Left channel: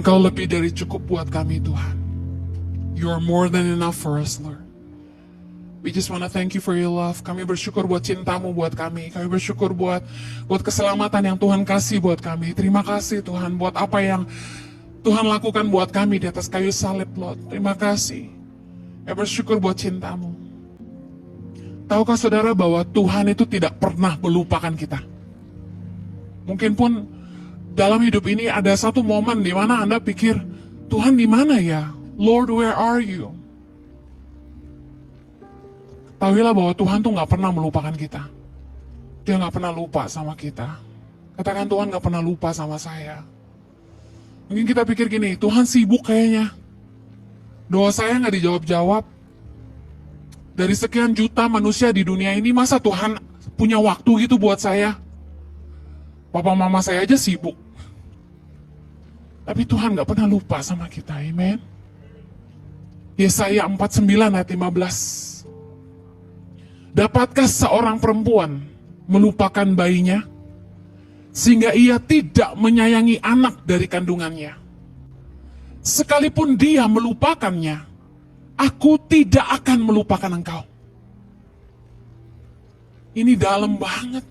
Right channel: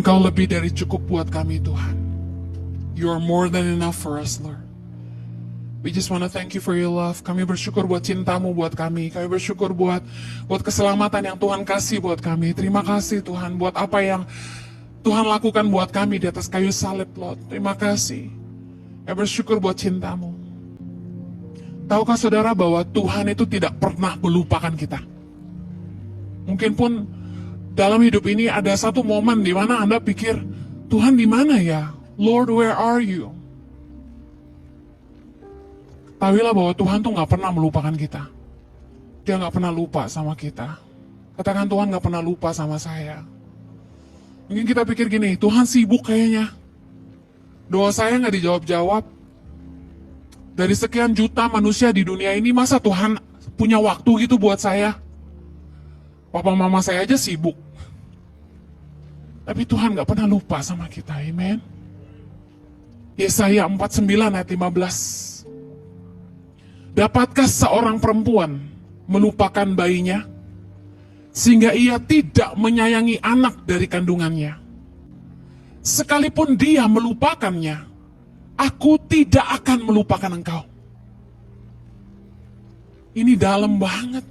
Engkau lebih dari cukup buat kami, Tuhan. You are more than enough for us, Lord. We just want to thank you for your love. Kami bersyukur buat cintamu buat kami. Kami bersyukur buat keselamatan yang Tuhan kasih buat kami. Terima kasih Tuhan buat apa yang Tuhan lakukan buat kami di atas kayu salib, Lord. Terima kasih. Kami bersyukur buat cintamu. Tahukah saudara bahwa Tuhan itu tidak pernah melupakan kita? Mungkin pun dalam hidup ini ada satu momen di mana Anda pikir, Tuhan di mana ya? Lord, where are you? Ketahuilah bahwa Tuhan tuh gak pernah melupakan kita. Dia gak pernah lupa sama kita. Katakan, Tuhan gak pernah lupa sama saya. Mungkin kita pikir gini, Tuhan sibuk kayaknya. Doa saya gak dijawab-jawab. Dari sekian juta manusia di dunia ini, masa Tuhan punya waktu gitu buat saya? Papa mama saya aja sibuk. Tapi Tuhan gak pernah lupa sama kita, amen. Yesaya 49 ayat 15. Dapatkah seorang perempuan melupakan bayinya, sehingga ia tidak menyayangi anak dari kandungannya? Sekalipun dia melupakannya, aku tidak akan melupakan engkau. Ini dalam banget.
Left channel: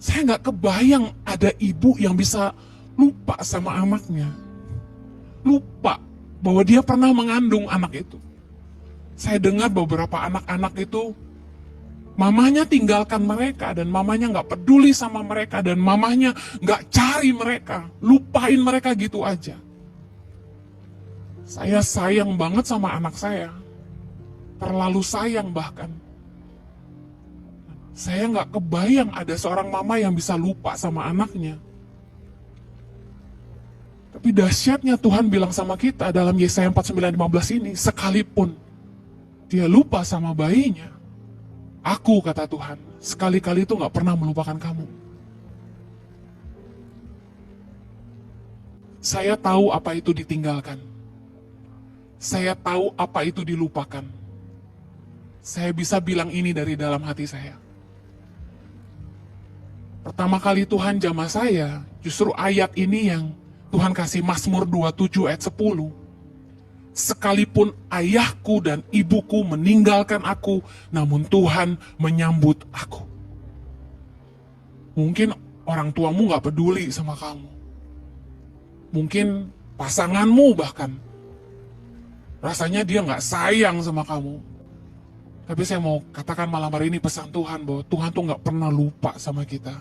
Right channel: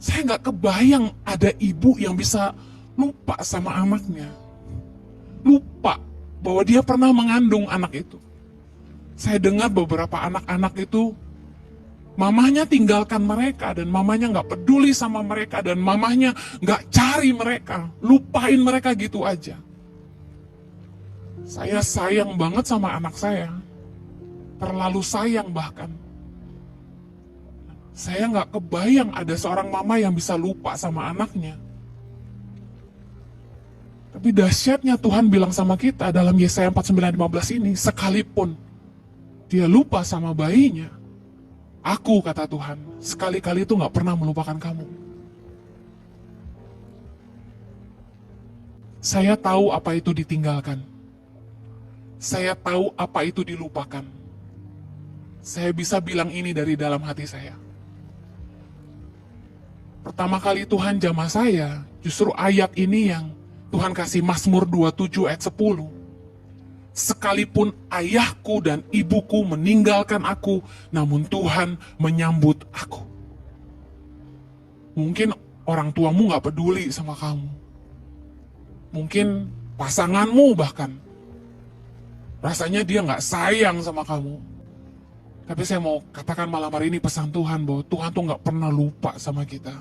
Saya nggak kebayang ada ibu yang bisa lupa sama anaknya. Lupa bahwa dia pernah mengandung anak itu. Saya dengar beberapa anak-anak itu, mamanya tinggalkan mereka, dan mamanya nggak peduli sama mereka, dan mamanya nggak cari mereka, lupain mereka gitu aja. Saya sayang banget sama anak saya, terlalu sayang bahkan. Saya nggak kebayang ada seorang mama yang bisa lupa sama anaknya. Tapi dahsyatnya Tuhan bilang sama kita dalam Yesaya 49:15 ini, sekalipun dia lupa sama bayinya, aku, kata Tuhan, sekali-kali itu gak pernah melupakan kamu. Saya tahu apa itu ditinggalkan. Saya tahu apa itu dilupakan. Saya bisa bilang ini dari dalam hati saya. Pertama kali Tuhan jamah saya, justru ayat ini yang Tuhan kasih, Mazmur 27 ayat 10. Sekalipun ayahku dan ibuku meninggalkan aku, namun Tuhan menyambut aku. Mungkin orang tuamu gak peduli sama kamu. Mungkin pasanganmu bahkan, rasanya dia gak sayang sama kamu. Tapi saya mau katakan malam hari ini pesan Tuhan, bahwa Tuhan tuh gak pernah lupa sama kita.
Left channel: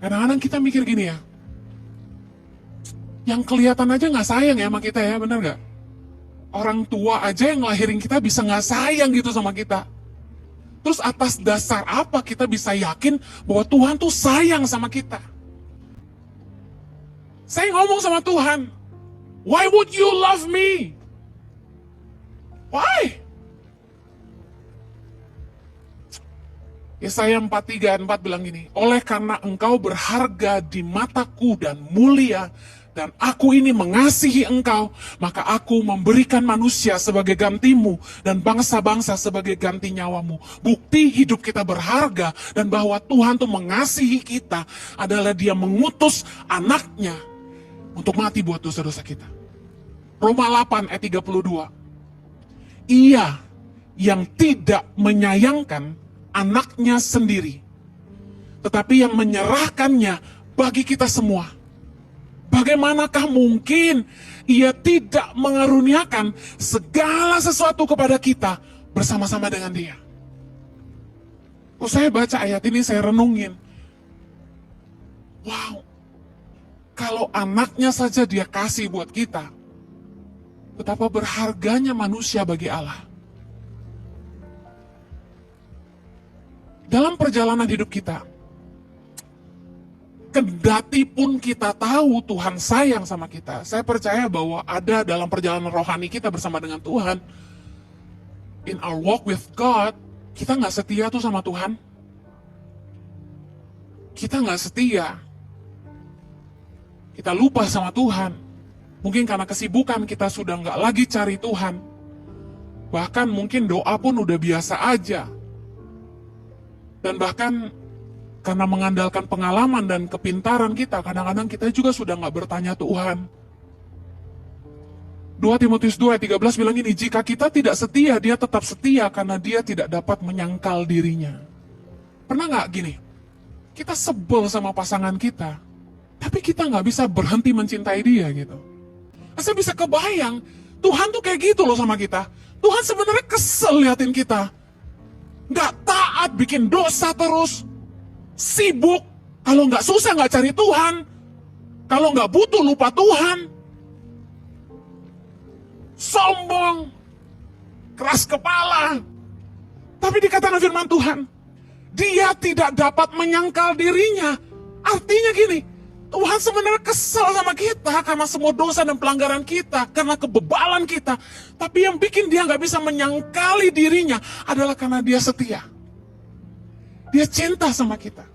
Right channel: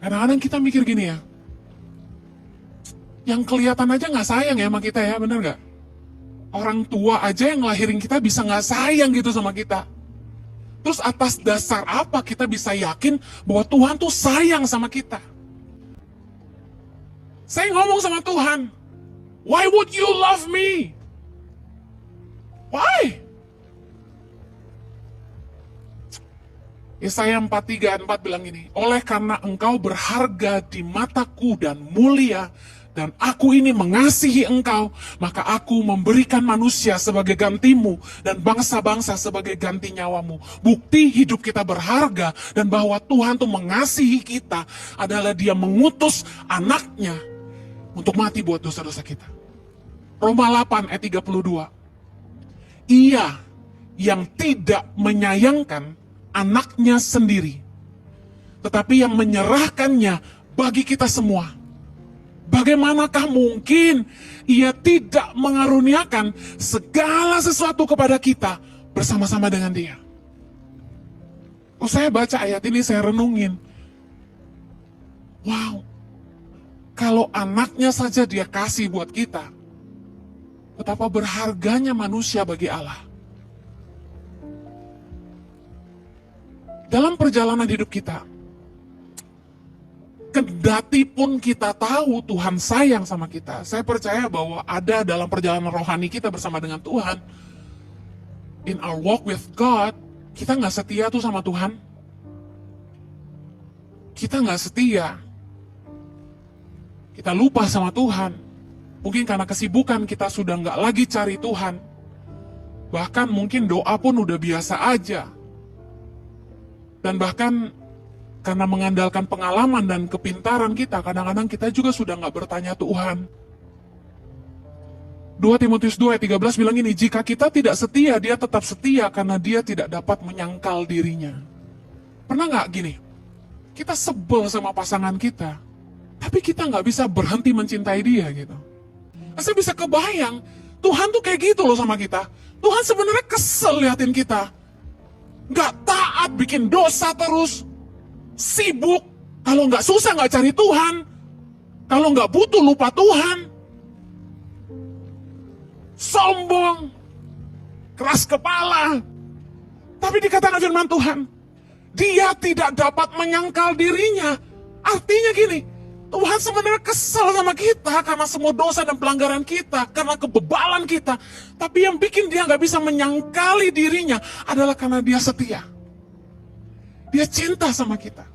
Kadang-kadang kita mikir gini ya, yang kelihatan aja gak sayang ya sama kita ya, benar gak? Orang tua aja yang ngelahirin kita bisa gak sayang gitu sama kita. Terus atas dasar apa kita bisa yakin bahwa Tuhan tuh sayang sama kita? Saya ngomong sama Tuhan, why would you love me? Why? Yesaya 43:4 bilang gini, oleh karena engkau berharga di mataku dan mulia, dan aku ini mengasihi engkau, maka aku memberikan manusia sebagai gantimu dan bangsa-bangsa sebagai ganti nyawamu. Bukti hidup kita berharga dan bahwa Tuhan tuh mengasihi kita adalah Dia mengutus anaknya untuk mati buat dosa-dosa kita. Roma 8 ayat 32. Ia yang tidak menyayangkan anaknya sendiri, tetapi yang menyerahkannya bagi kita semua. Bagaimanakah mungkin Ia tidak mengaruniakan segala sesuatu kepada kita bersama-sama dengan Dia? Saya baca ayat ini, saya renungin. Wow, kalau anaknya saja Dia kasih buat kita, betapa berharganya manusia bagi Allah. Dalam perjalanan hidup kita, kendati pun kita tahu Tuhan sayang sama kita, saya percaya bahwa ada dalam perjalanan rohani kita bersama dengan Tuhan, in our walk with God, kita gak setia tuh sama Tuhan. Kita gak setia. Kita lupa sama Tuhan. Mungkin karena kesibukan kita sudah gak lagi cari Tuhan. Bahkan mungkin doa pun udah biasa aja. Dan bahkan karena mengandalkan pengalaman dan kepintaran kita, kadang-kadang kita juga sudah nggak bertanya Tuhan. 2 Timotius 2 ayat 13 bilang gini, jika kita tidak setia, dia tetap setia karena dia tidak dapat menyangkal dirinya. Pernah nggak gini, kita sebel sama pasangan kita, tapi kita nggak bisa berhenti mencintai dia gitu. Saya bisa kebayang, Tuhan tuh kayak gitu loh sama kita. Tuhan sebenarnya kesel liatin kita. Nggak taat, bikin dosa terus. Sibuk, kalau nggak susah nggak cari Tuhan. Kalau nggak butuh lupa Tuhan. Sombong, keras kepala. Tapi dikatakan firman Tuhan, dia tidak dapat menyangkal dirinya. Artinya gini, Tuhan sebenarnya kesal sama kita karena semua dosa dan pelanggaran kita, karena kebebalan kita. Tapi yang bikin dia nggak bisa menyangkali dirinya adalah karena dia setia. Dia cinta sama kita.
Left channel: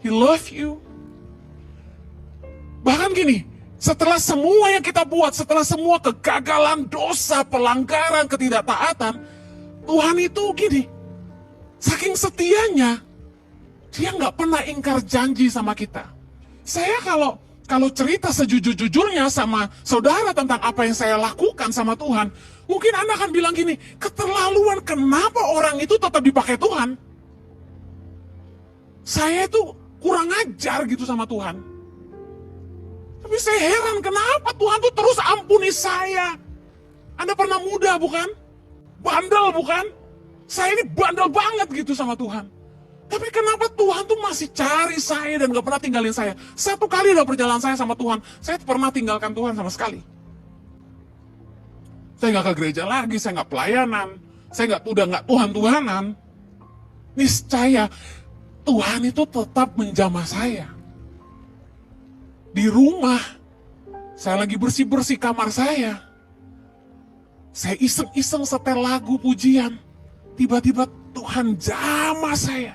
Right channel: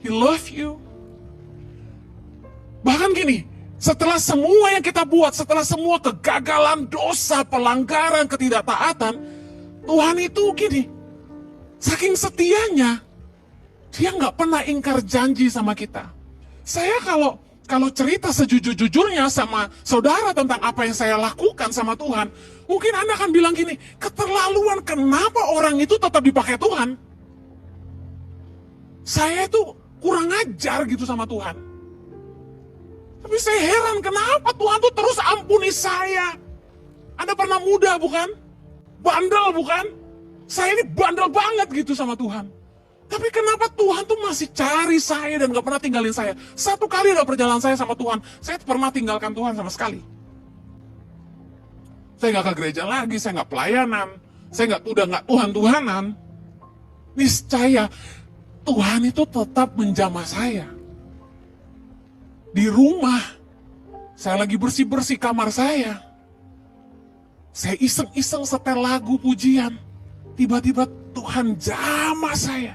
He love you. Bahkan gini, setelah semua yang kita buat, setelah semua kegagalan, dosa, pelanggaran, ketidaktaatan, Tuhan itu gini, saking setianya, dia nggak pernah ingkar janji sama kita. Saya kalau cerita sejujur-jujurnya sama saudara tentang apa yang saya lakukan sama Tuhan, mungkin Anda akan bilang gini, keterlaluan, kenapa orang itu tetap dipakai Tuhan? Saya itu kurang ajar gitu sama Tuhan. Tapi saya heran, kenapa Tuhan tuh terus ampuni saya? Anda pernah muda bukan? Bandel bukan? Saya ini bandel banget gitu sama Tuhan. Tapi kenapa Tuhan tuh masih cari saya dan gak pernah tinggalin saya? Satu kali dalam perjalanan saya sama Tuhan, saya pernah tinggalkan Tuhan sama sekali. Saya gak ke gereja lagi, saya gak pelayanan, saya udah gak Tuhan-Tuhanan. Niscaya Tuhan itu tetap menjamah saya. Di rumah, saya lagi bersih-bersih kamar saya. Saya iseng-iseng setel lagu pujian. Tiba-tiba Tuhan jamah saya.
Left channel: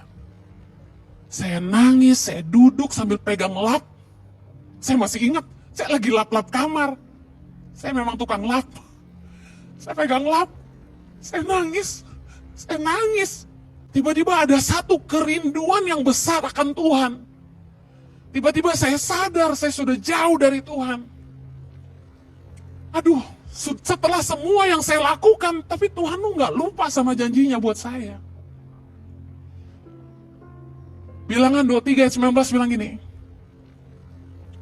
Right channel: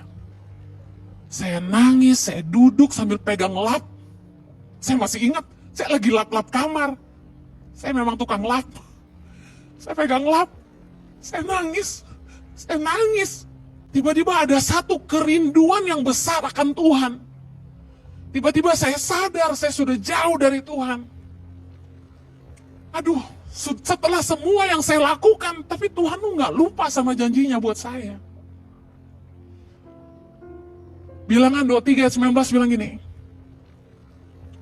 Saya nangis, saya duduk sambil pegang lap. Saya masih ingat, saya lagi lap-lap kamar. Saya memang tukang lap. Saya pegang lap, saya nangis. Tiba-tiba ada satu kerinduan yang besar akan Tuhan. Tiba-tiba saya sadar saya sudah jauh dari Tuhan. Aduh, setelah semua yang saya lakukan, tapi Tuhan tuh nggak lupa sama janjinya buat saya. Bilangan 23 ayat 19 bilang gini,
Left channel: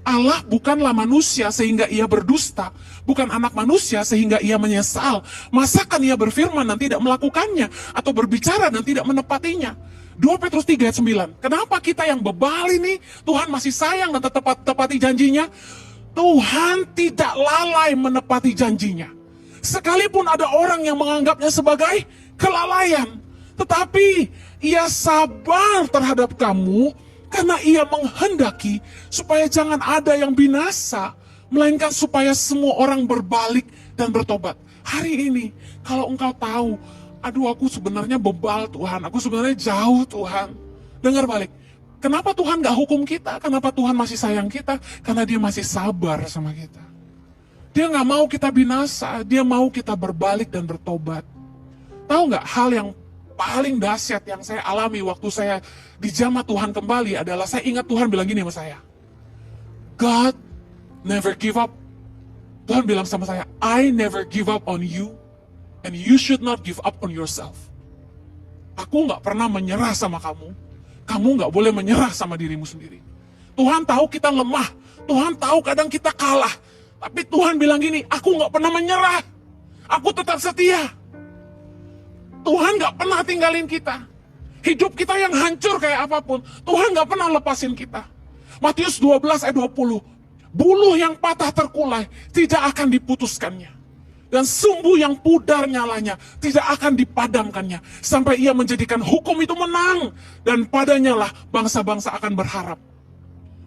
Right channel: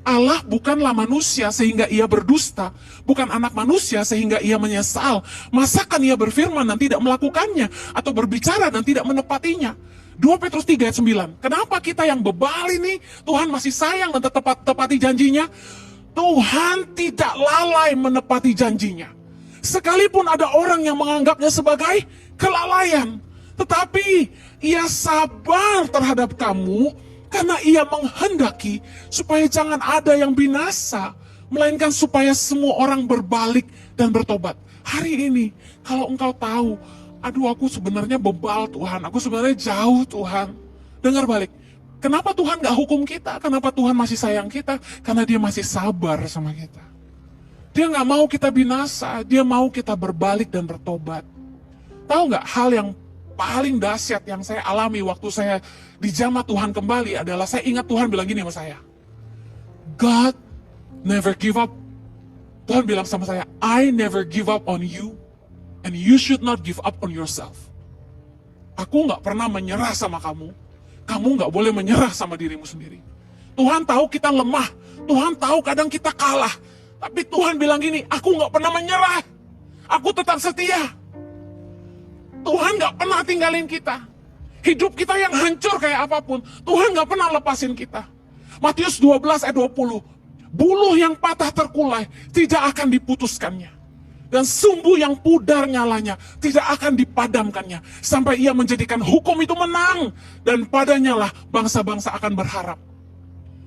Allah bukanlah manusia sehingga ia berdusta, bukan anak manusia sehingga ia menyesal. Masakan ia berfirman dan tidak melakukannya, atau berbicara dan tidak menepatinya. 2 Petrus 3 ayat 9. Kenapa kita yang bebal ini, Tuhan masih sayang dan tetap tepati janjinya? Tuhan tidak lalai menepati janjinya. Sekalipun ada orang yang menganggapnya sebagai kelalaian, tetapi ia sabar terhadap kamu, karena ia menghendaki supaya jangan ada yang binasa, melainkan supaya semua orang berbalik dan bertobat. Hari ini, kalau engkau tahu, aduh aku sebenarnya bebal Tuhan, aku sebenarnya jauh Tuhan. Dengar balik, kenapa Tuhan gak hukum kita? Kenapa Tuhan masih sayang kita? Karena dia masih sabar sama kita. Dia gak mau kita binasa, dia mau kita berbalik dan bertobat. Tahu gak hal yang paling dahsyat yang saya alami waktu saya dijamah Tuhan kembali adalah saya ingat Tuhan bilang gini sama saya, God never give up. Tuhan bilang sama saya, I never give up on you, and you should not give up on yourself. Aku gak pernah menyerah sama kamu. Kamu gak boleh menyerah sama dirimu sendiri. Tuhan tahu kita lemah. Tuhan tahu kadang kita kalah. Tapi Tuhan bilang gini, aku gak pernah menyerah. Aku tetap setia. Tuhan gak pernah tinggalin kita. Hidup kita yang hancur kayak apapun, Tuhan gak pernah lepasin kita. Matius 12 ayat 20. Buluh yang patah terkulai tidak akan diputuskannya. Dan sumbu yang pudar nyalanya tidak akan dipadamkannya. Sampai ia menjadikan hukum itu menang. Dan padanya lah bangsa-bangsa akan berharap.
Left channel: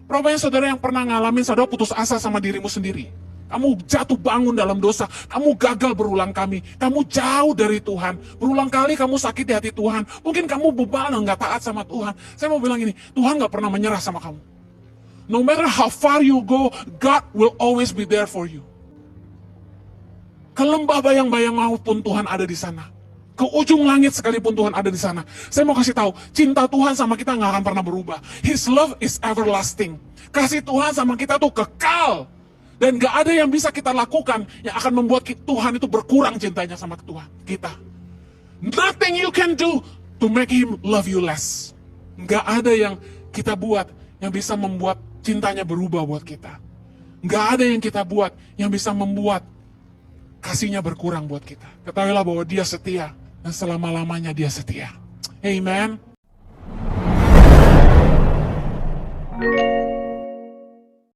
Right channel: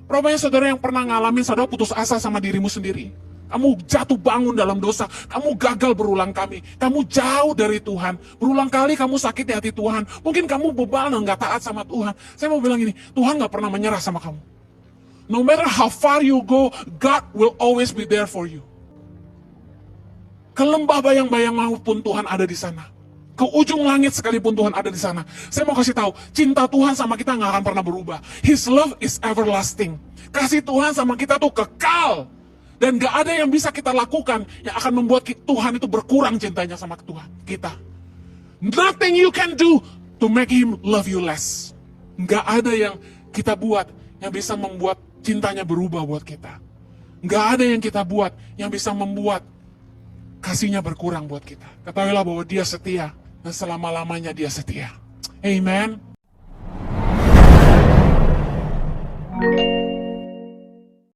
Rupanya saudara yang pernah ngalamin, saudara putus asa sama dirimu sendiri. Kamu jatuh bangun dalam dosa, kamu gagal berulang kali, kamu jauh dari Tuhan. Berulang kali kamu sakit di hati Tuhan. Mungkin kamu bebal dan gak taat sama Tuhan. Saya mau bilang gini, Tuhan gak pernah menyerah sama kamu. No matter how far you go, God will always be there for you. Ke lembah bayang-bayang maut pun Tuhan ada di sana. ke ujung langit sekalipun Tuhan ada di sana. Saya mau kasih tahu, cinta Tuhan sama kita nggak akan pernah berubah. His love is everlasting. Kasih Tuhan sama kita tuh kekal. Dan nggak ada yang bisa kita lakukan yang akan membuat Tuhan itu berkurang cintanya sama Tuhan kita. Nothing you can do to make Him love you less. Nggak ada yang kita buat yang bisa membuat cintanya berubah buat kita. Nggak ada yang kita buat yang bisa membuat kasihnya berkurang buat kita. Ketahuilah bahwa Dia setia. Dan selama-lamanya Dia setia. Amen.